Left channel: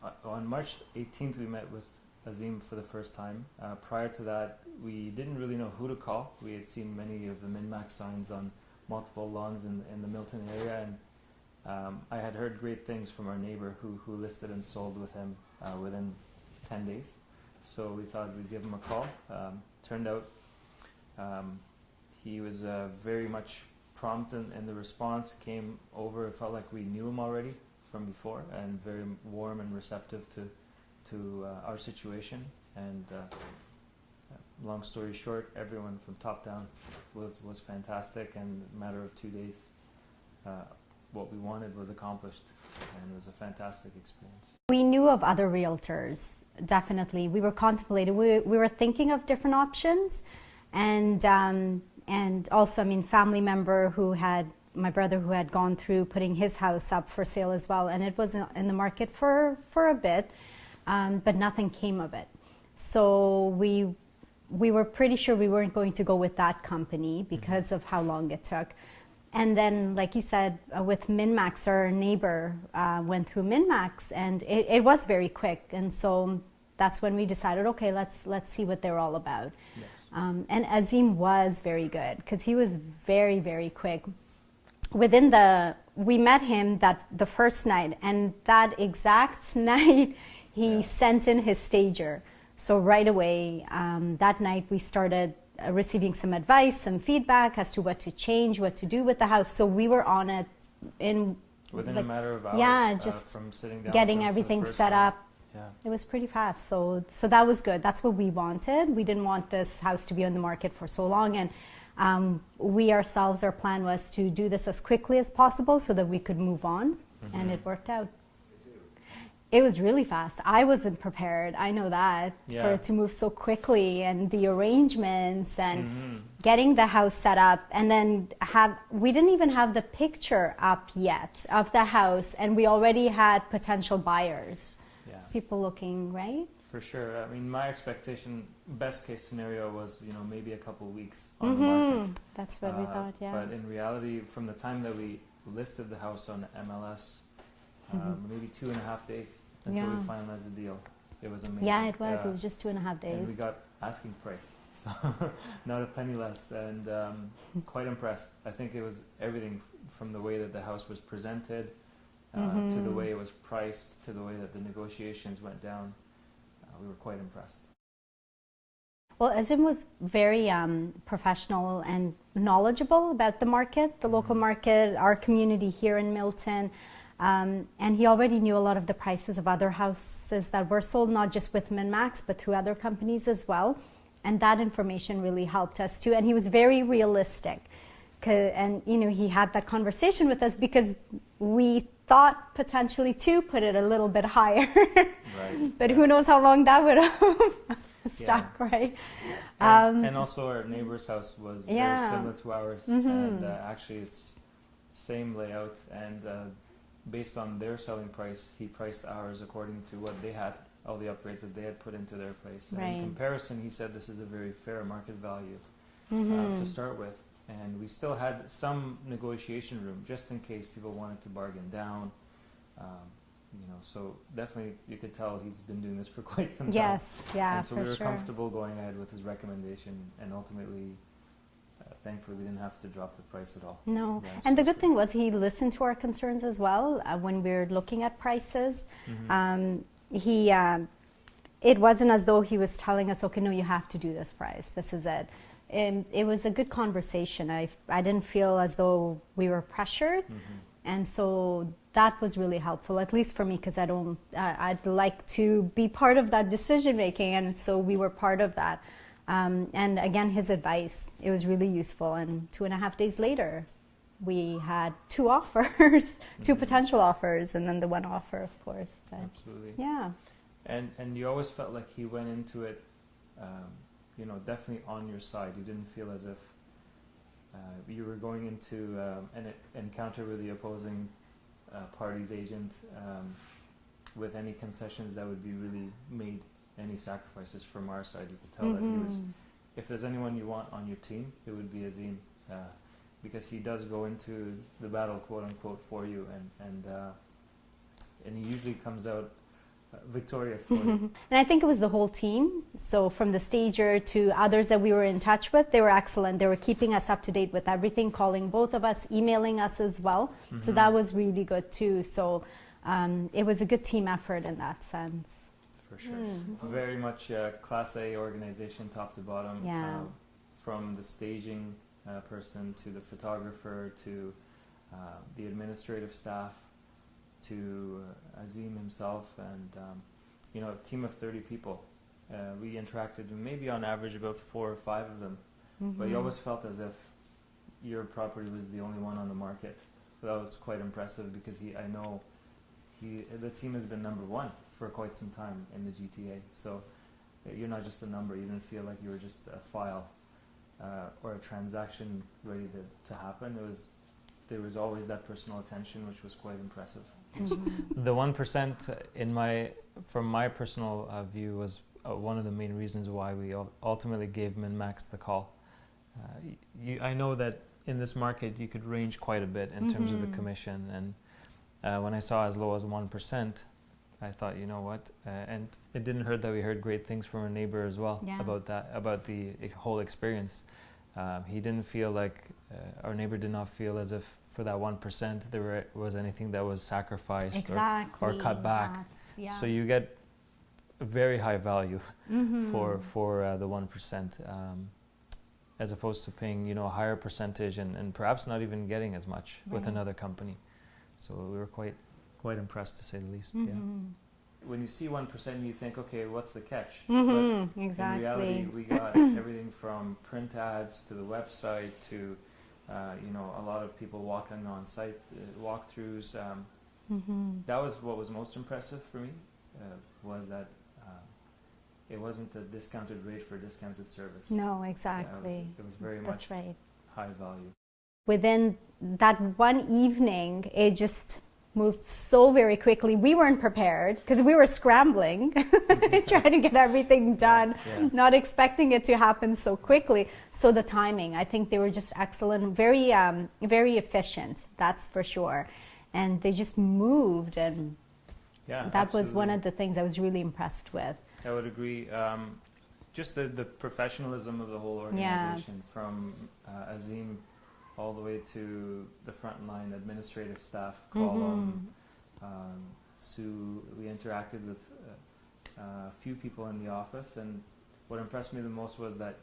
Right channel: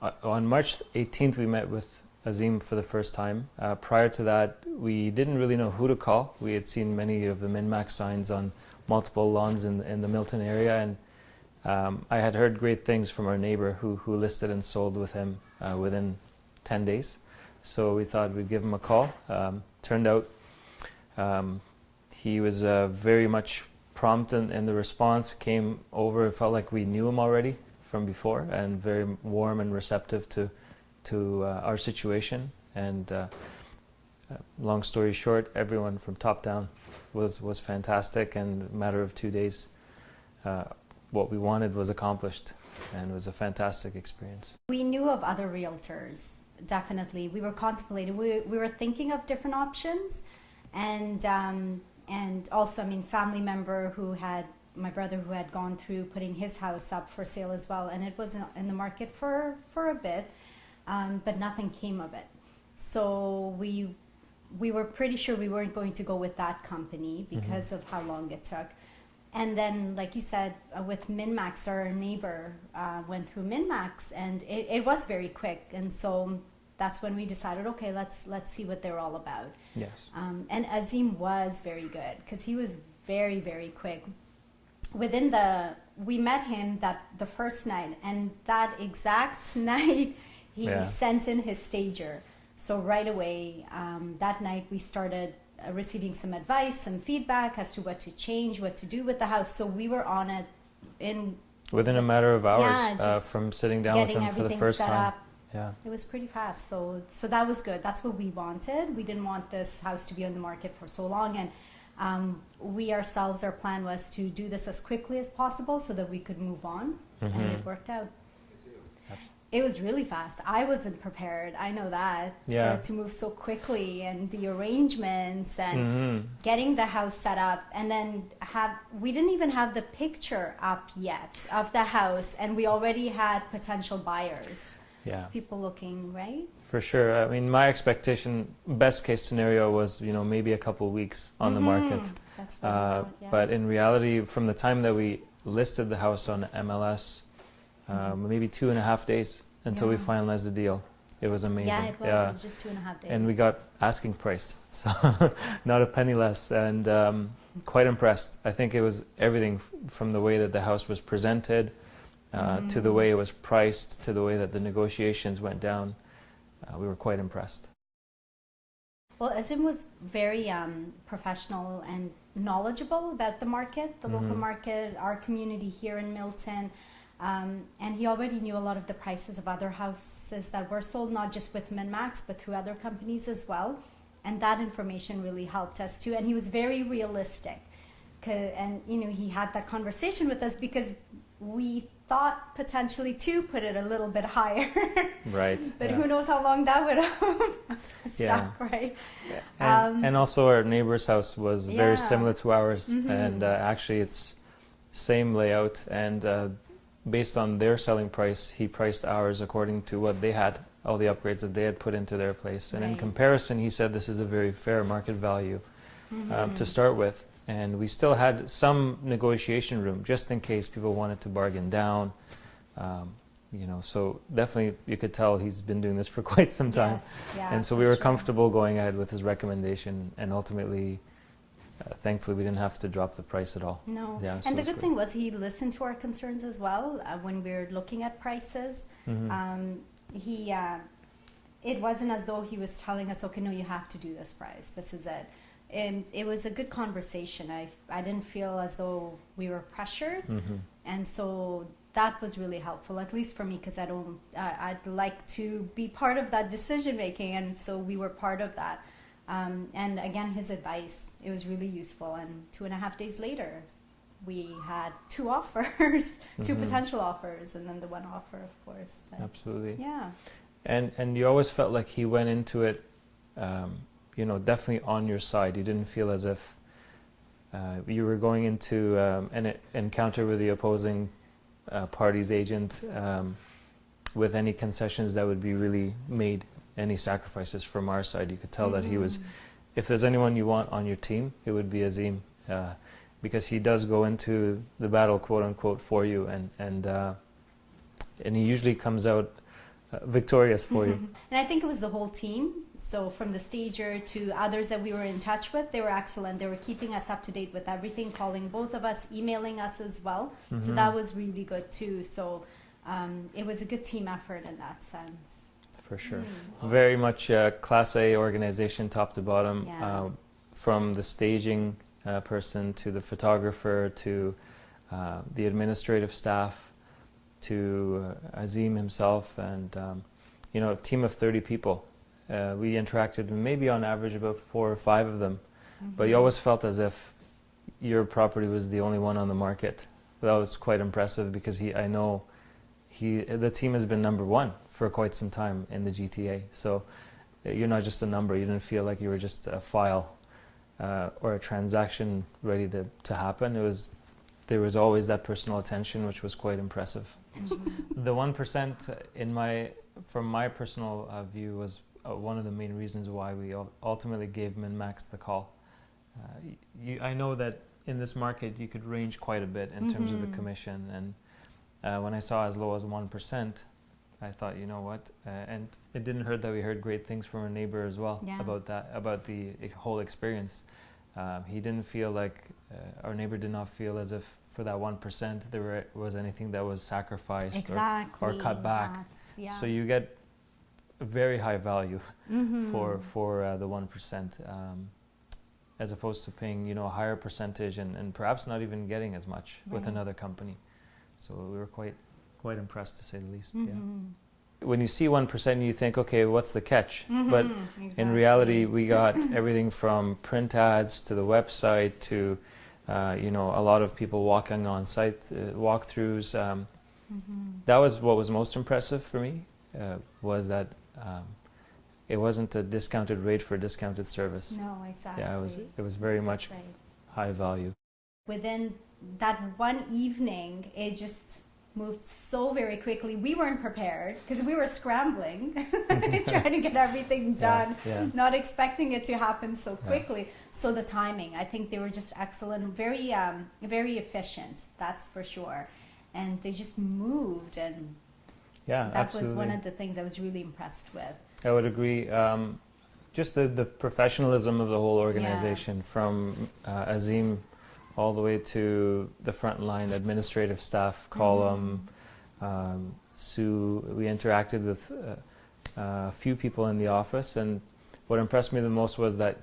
On March 18th, we met with Azim for the first time. Prior to that, we didn't really know who to call. We had seen many of the MinMaxx signs on multiple lawns in the Milton area, and I had heard great things from our neighbor who listed and sold with him within 10 days. So we thought we'd give him a call. Turned out he was very much prompt in the response, came over, it felt like we knew him already from before, and very warm and receptive to our situation. And long story short, everyone from top down was fantastic, and in a matter of 2 days, what we wanted was accomplished, and it was a fantastic experience. We knew of other realtors, definitely. We were contemplating, we were thinking of different options, and also, I mean, family member my brother who had gone through putting his house up for sale as well, and it was in the market for a bit, but nothing came of it. So we were pretty sure we weren't going to go with that company because of how long it took. And then, like you said, with MinMaxx, our neighbor went through MinMaxx, and it was very quick. And so that's when we decided, okay, let's see what they're all about. Yes. And Azim was very good because he was very, very quick. We met him the first night, and that exact night he sent in his stager. So right away, that night we started receiving some advice, some feedback as to what to change, what to do with the house. So we were on it within a matter of hours, from sitting down with him for the first time. Up. Yeah. It was pretty fast, so that was good. That's what we wanted. We didn't want this house to be on the market for so long, and we ourselves, our plan was to do this as quickly as possible so that we could move on, and it worked out. It was really fast. I wasn't prepared, I know that, for it to move so quickly, and the arrangements and getting the house set up, and then we didn't even have the picture up yet of the house, and we already had potential buyers. Yeah. People looking, right? For sure. I mean, my expectation, best case scenario was, maybe a couple weeks on the market. That's what I thought, yeah. But in reality, from the time that we listed the house on MLS, maybe 2.5 days until we finalized the deal. It was amazing. Yeah, it was. It was just 2.5 days. And we got asking price, so not a penny less, and quite impressed. I think it was everything from the way that the house was presented, to the way it was priced, to the way that the negotiations went down. We were quite impressed. Well, Azim was very professional and knowledgeable about the market, the local market, our community here in Milton. And he already knew a lot of the prices of other houses that were sold, not just with MinMaxx, but through other companies as well. And that information really helped us too. And he was very realistic. And, he had that conversation with us because we thought potentially to put it a little bit higher. Right. But who knows how long that would have stuck, right? And also our neighbor's house was very similar to ours. And actually it's same layout, and based on their selling price, he priced ours according to what they had, all the upgrades that they had put into their place. And in comparison, he said this is a very fair market value to start with. And we still had some negotiation room just in case people wanted to bargain down. So definitely you could tell he's been doing this for quite some time. Yeah, and so we were comfortable going ahead with his recommendation, and ultimately, thankfully, we didn't have to drop the price at all. No. Yeah, and the good thing was he listened to our concerns as well when we were looking at prices. It wasn't as though he was telling us, okay, no, you have to do this price. This is it. It was a good conversation. I didn't feel as though we were pressured. And so that was really helpful, at least for me, because I'd like to be part of that decision making. And so we were part of that. And again, his advice, it was really useful. And 2.5 days later, we had 2 offers, 2 potential offers, and then the 1 offer, of course. So, absolutely. Yeah. And you always felt like he went into it, definitely on your side. You didn't feel as if you were going into an encounter with the opposing party's agent with any concessions that would be really made, any sacrifices from our side. You could tell that he was, if there's anyone you want on your team, it would be Azim, because he does go into the battle, quote unquote, for you, and he usually comes out victorious for you. And I think it was the whole team. So from the stager to others that we were in touch with, they were excellent. They were keeping us up to date with everything, calling both of us, emailing us as well. So that was really good too. So it was a good team effort in that sense. For sure. Very much Class A organization, top to bottom, from the staging person to the photographer to the administrative staff to Azim himself, and a team of 30 people. We interacted maybe on average about 4 or 5 of them, but you always felt as if your property was the only one on the market. That was quite impressive because the team has been number 1 for quite some time in the GTA. So you're not just a number. You didn't feel like you were just a file or a transaction ready to happen. There was always that personal attention, which was quite impressive. The 1% from my personal view was one of the main reasons why we ultimately gave MinMaxx the call. I know that in this market you could range quite a bit in terms of the commission, and when I saw as low as 1%, I thought, you know what, and it didn't hurt that we heard great things from our neighbor as well about the whole experience. He didn't feel like, our neighbor did not feel as if for that 1% there was anything that was sacrificed or cut back. So you get a very high value for the 1%, as opposed to paying a higher percentage and perhaps not even getting as much with another company. So we were quite impressed, to say the least. When you see 1%, you think, okay, what's the catch? But in reality, we got everything from print ads to the website to a lot of people walking on site, walkthroughs. That was what was most impressive for me, was that it wasn't a discounted rate for a discounted service. No, exactly. Yeah, it was very much high value. Within that one evening, it just moved so very quickly. We weren't prepared because we were scrambling, trying to get everything done, not expecting it to happen so quickly. So the timing, I think they were just excellent, very, very efficient, that's for sure. And they just moved, and that was one of the things I was really impressed with. I would agree. Just the professionalism of the whole organization, from Azim all the way to the frontline administrative staff, column, Sue. We interacted with a few people in the office, and what impressed me the most was that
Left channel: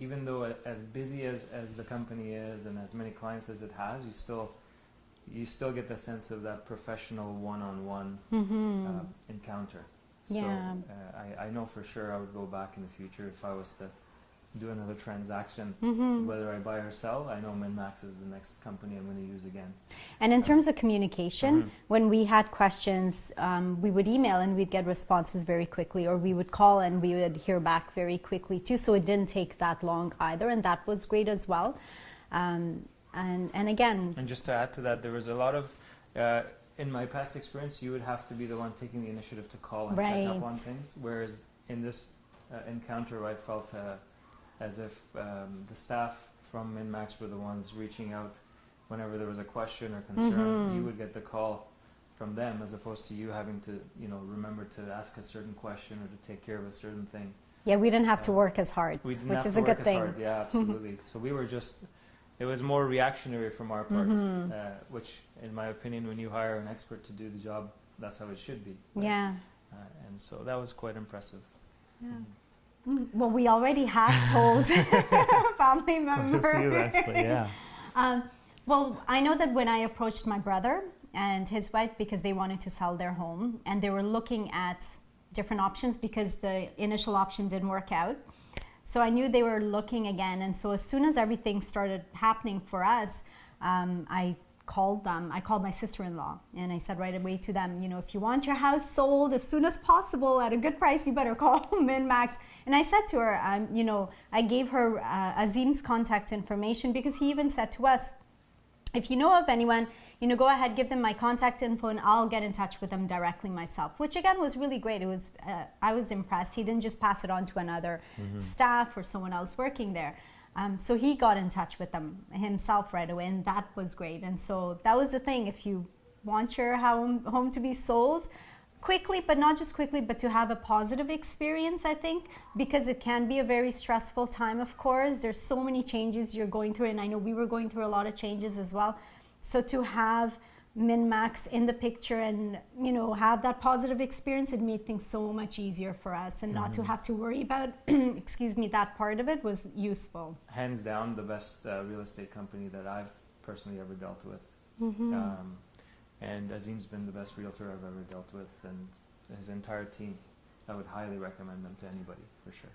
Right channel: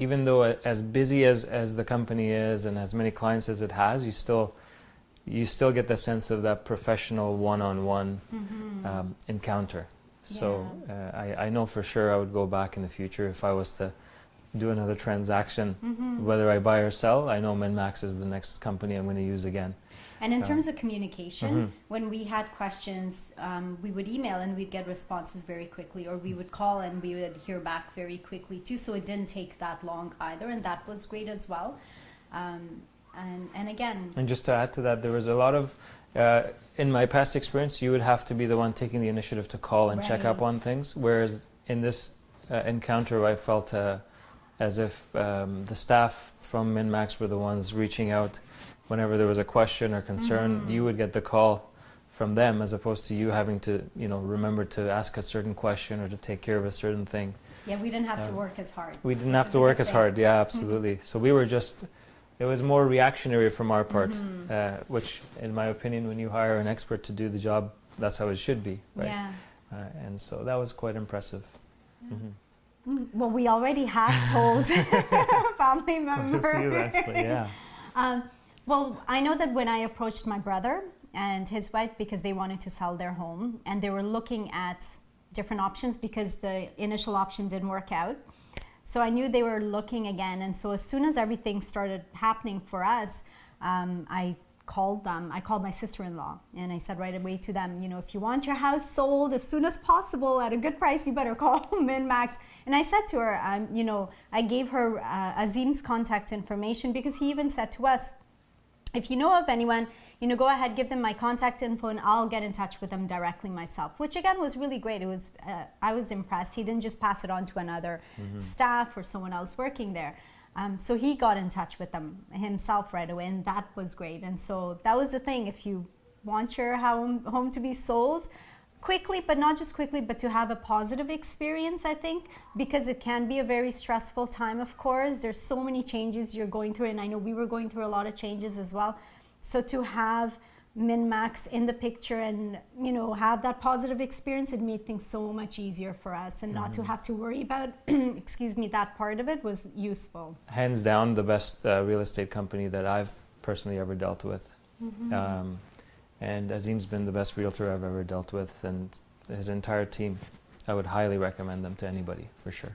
even though as busy as the company is and as many clients as it has, you still get the sense of that professional one-on-one encounter. So I know for sure I would go back in the future if I was to do another transaction, whether I buy or sell. I know MinMaxx is the next company I'm going to use again. And in terms of communication, when we had questions, we would email and we'd get responses very quickly, or we would call and we would hear back very quickly too. So it didn't take that long either, and that was great as well. And again, and just to add to that, there was a lot of in my past experience, you would have to be the one taking the initiative to call and check up on things, whereas in this encounter I felt as if the staff from MinMaxx were the ones reaching out whenever there was a question or concern. You would get the call from them, as opposed to you having to remember to ask a certain question or to take care of a certain thing. Yeah, we didn't have to work as hard. We didn't have to work as hard, yeah, absolutely. So we were it was more reactionary from our part, which in my opinion, when you hire an expert to do the job, that's how it should be, right? Yeah. And so that was quite impressive. Well, we already have told family members. Quite a few, actually, well, I know that when I approached my brother and his wife, because they wanted to sell their home and they were looking at different options because the initial option didn't work out. So I knew they were looking again. And so as soon as everything started happening for us, I called them. I called my sister-in-law and I said right away to them, if you want your house sold as soon as possible at a good price, you better call MinMaxx. And I said to her, I gave her Azim's contact information, because he even said to us, if you know of anyone, go ahead, give them my contact info and I'll get in touch with them directly myself, which again was really great. It was, I was impressed. He didn't just pass it on to another staff or someone else working there. So he got in touch with them himself right away, and that was great. And so that was the thing. If you want your home to be sold quickly, but not just quickly, but to have a positive experience, I think, because it can be a very stressful time, of course. There's so many changes you're going through, and I know we were going through a lot of changes as well. So to have MinMaxx in the picture and, you know, have that positive experience, it made things so much easier for us, and not to have to worry about, excuse me, that part of it was useful. Hands down, the best real estate company that I've personally ever dealt with. And Azim's been the best realtor I've ever dealt with, and his entire team. I would highly recommend them to anybody, for sure.